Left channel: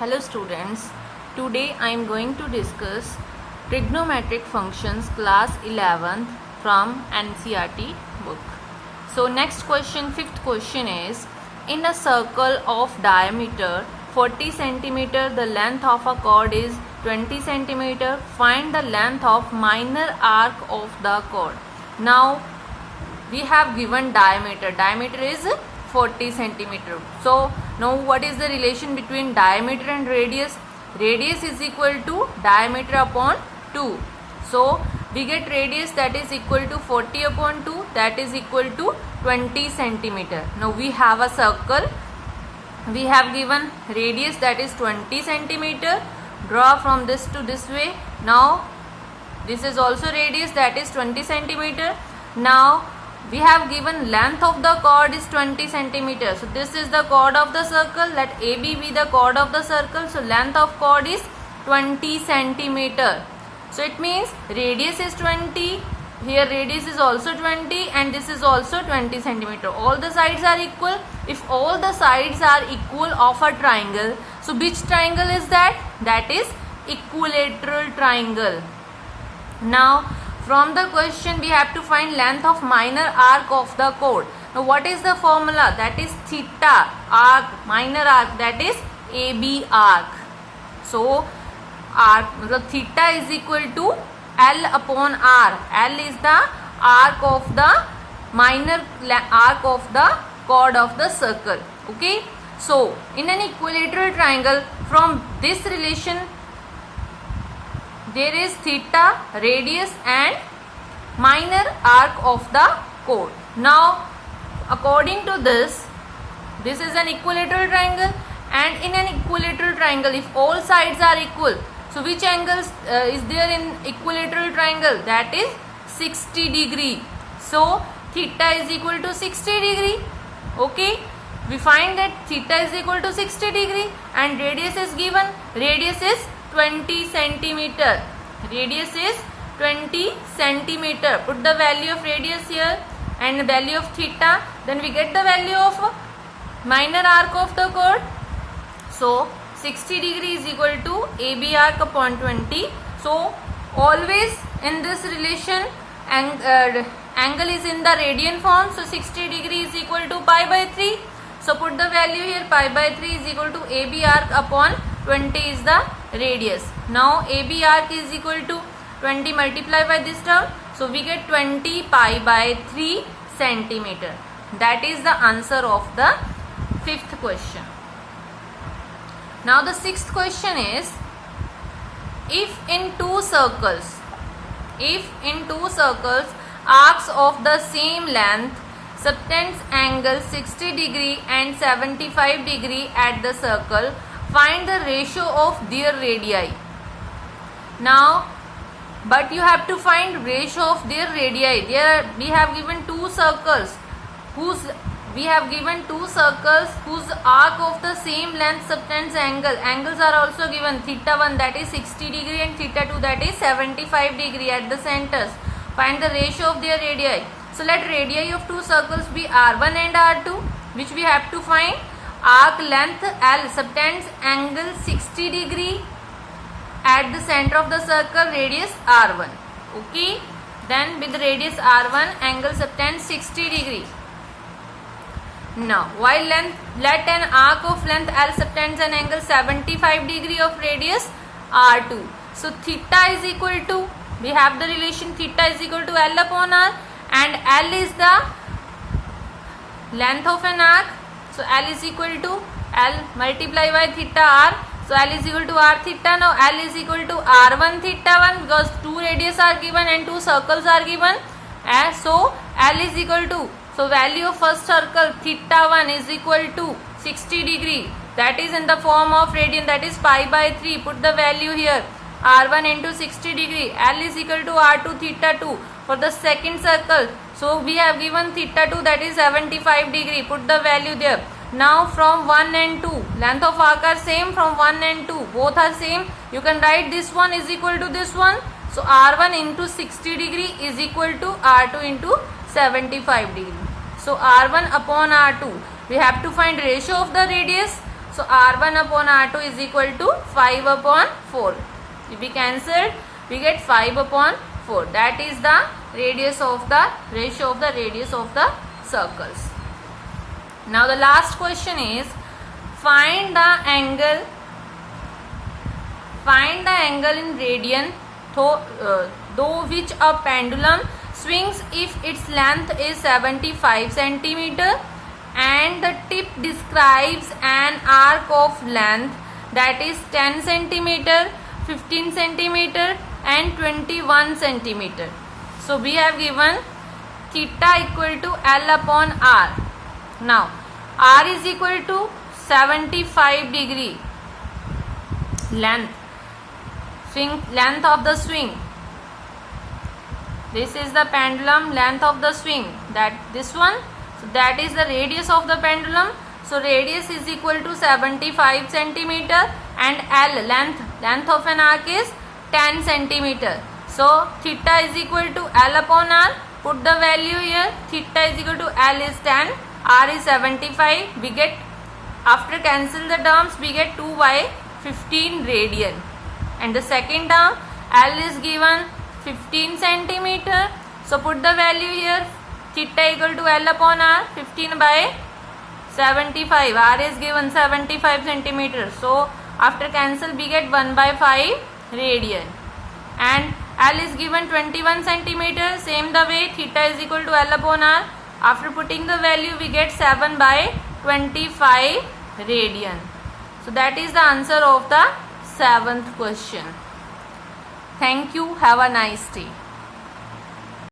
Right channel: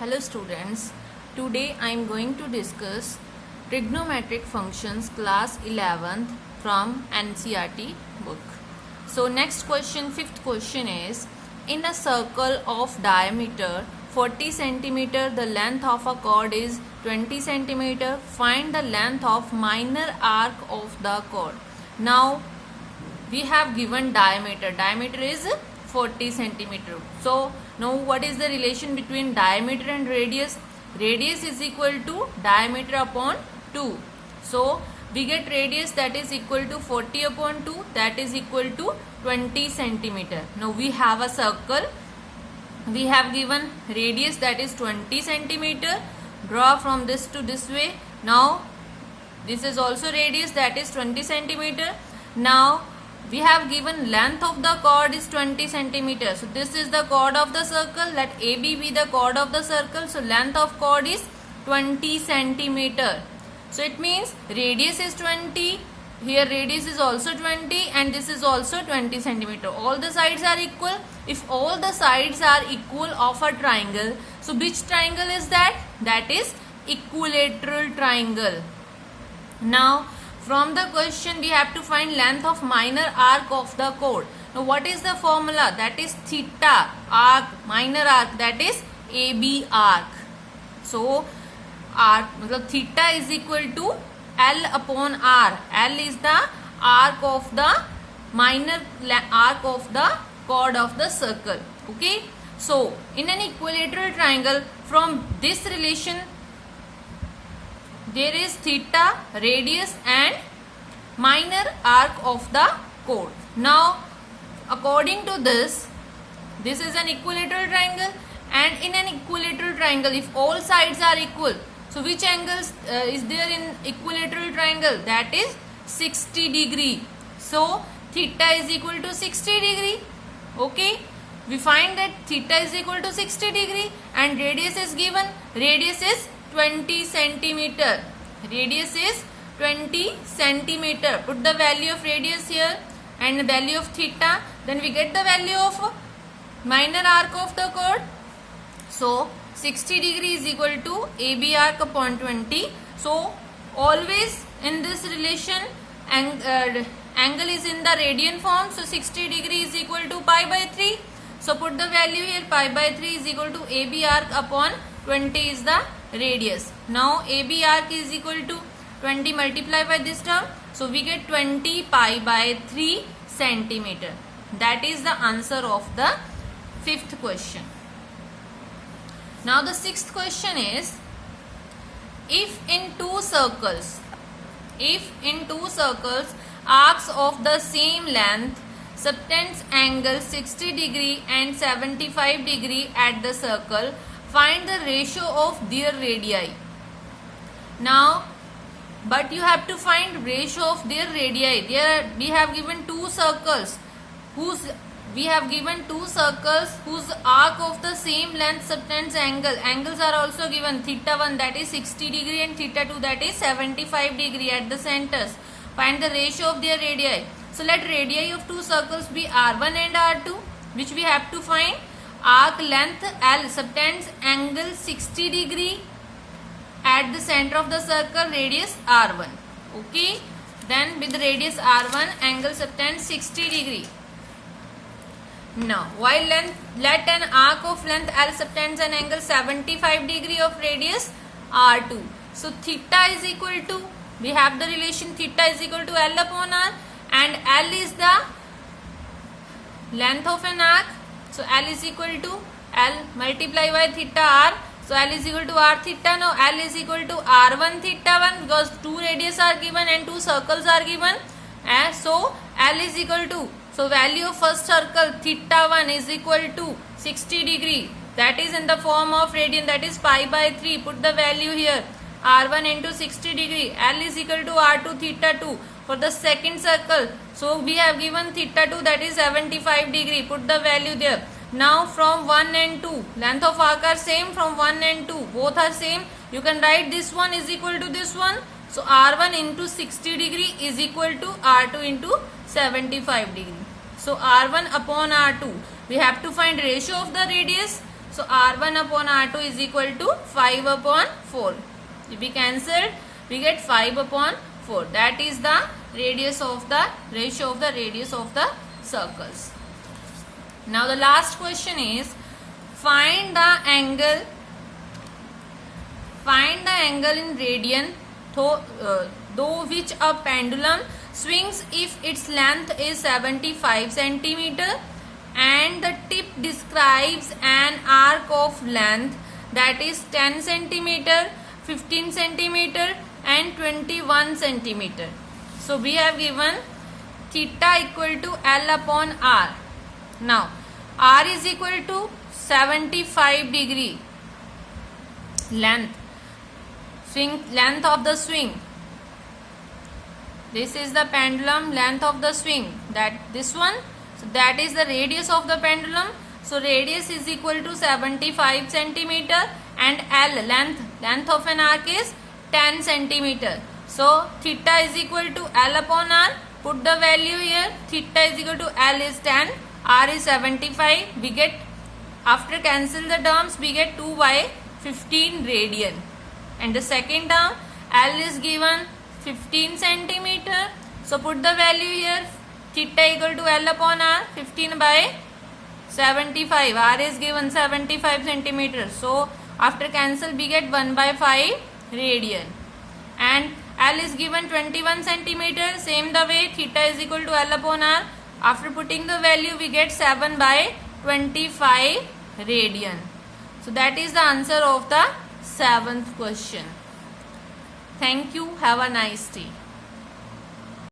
Hello students, today I am going to discuss trigonometric functions class 11th from NCERT book. So next question, fifth question is, in a circle of diameter 40 cm, the length of a chord is 20 cm. Find the length of minor arc of the chord. Now we have given diameter is 40 cm. So now what is the relation between diameter and radius? Radius is equal to diameter upon 2. So we get radius that is equal to 40 upon 2, that is equal to 20 cm. Now we have a circle, we have given radius that is 20 cm. Draw from this to this way. Now this is also radius that is 20 cm. Now we have given length of the chord is 20 cm. So this is the chord of the circle. Let AB be the chord of the circle. So length of chord is 20 cm. So it means radius is 20. Here radius is also 20 and this is also 20 cm. All the sides are equal. If all the sides are equal of a triangle, so which triangle is that? That is equilateral triangle. Now from the question we have to find length of minor arc of the chord. Now what is the formula? That is theta arc, minor arc, that is AB arc. So arc, theta is equal to L upon R. L is the arc of the minor arc of the chord of the circle. Okay. So in an equilateral triangle, from this relation there is theta, radius and minor arc of the chord. Now according to this is an equilateral triangle, and in an equilateral triangle if all sides are equal, so which angles is there in equilateral triangle? That is 60 degree. So theta is equal to 60 degree. Okay, we find that theta is equal to 60 degree and radius is given. Radius is 20 centimeter. Radius is 20 centimeter. Put the value of radius here and the value of theta. Then we get the value of minor arc of the chord. So 60 degree is equal to AB arc upon 20. So always in this relation angle is in the radian form. So 60 degree is equal to pi by 3. So put the value here, pi by 3 is equal to AB arc upon 20 is the radius. Now AB arc is equal to 20 multiplied by this term. So we get 20 pi by 3 centimeter. That is the answer of the fifth question. Now the sixth question is, if in two circles arcs of the same length subtends angle 60 degree and 75 degree at the circle, find the ratio of their radii. Now but you have to find ratio of their radii. There we have given two circles whose arc of the same length subtends angle. Angles are also given. Theta 1 that is 60 degree and theta 2 that is 75 degree at the centers. Find the ratio of their radii. So let radii of two circles be R1 and R2, which we have to find. Arc length L subtends angle 60 degree at the center of the circle, radius R1. Okay. Then with radius R1, angle subtends 60 degree. Now while let an arc of length L subtends an angle 75 degree of radius R2. So theta is equal to, we have the relation theta is equal to L upon R, and L is the length of an arc. So L is equal to L multiplied by theta R. So L is equal to R theta. Now L is equal to R1 theta 1 because two radius are given and two circles are given. And so L is equal to, so value of first circle theta 1 is equal to 60 degree. That is in the form of radian, that is pi by 3. Put the value here. R1 into 60 degree. L is equal to R2 theta 2 for the second circle. So we have given theta 2 that is 75 degree. Put the value there. Now from 1 and 2, length of arc are same from 1 and 2. Both are same. You can write this one is equal to this one. So R1 into 60 degree is equal to R2 into 75 degree. So R1 upon R2. We have to find ratio of the radius. So So R1 upon R2 is equal to 5 upon 4. If we cancel, we get 5 upon 4. That is the radius of the ratio of the radius of the circles. Now the last question is find the angle in radian though which a pendulum swings if its length is 75 centimeter and the tip describes an arc of length that is 10 centimeter, 15 centimeter and 21 centimeter. So we have given theta equal to L upon R. Now R is equal to 75 degree length of the swing. This is the pendulum length of the swing, that this one. So that is the radius of the pendulum. So radius is equal to 75 centimeter and L length of an arc is 10 centimeter. So theta is equal to L upon R. Put the value here. Theta is equal to L is 10, R is 75. We get, after cancel the terms, we get 2 by 15 radian. And the second term, L is given 15 centimeter. So put the value here. Theta equal to L upon R, 15 by 75. R is given 75 centimeters. So after cancel, we get 1 by 5 radian. And L is given 21 centimeter. Same the way, theta is equal to L upon R. After putting the value, we get 7 by 25 radian. So that is the answer of the 7th question. Thank you. Have a nice day.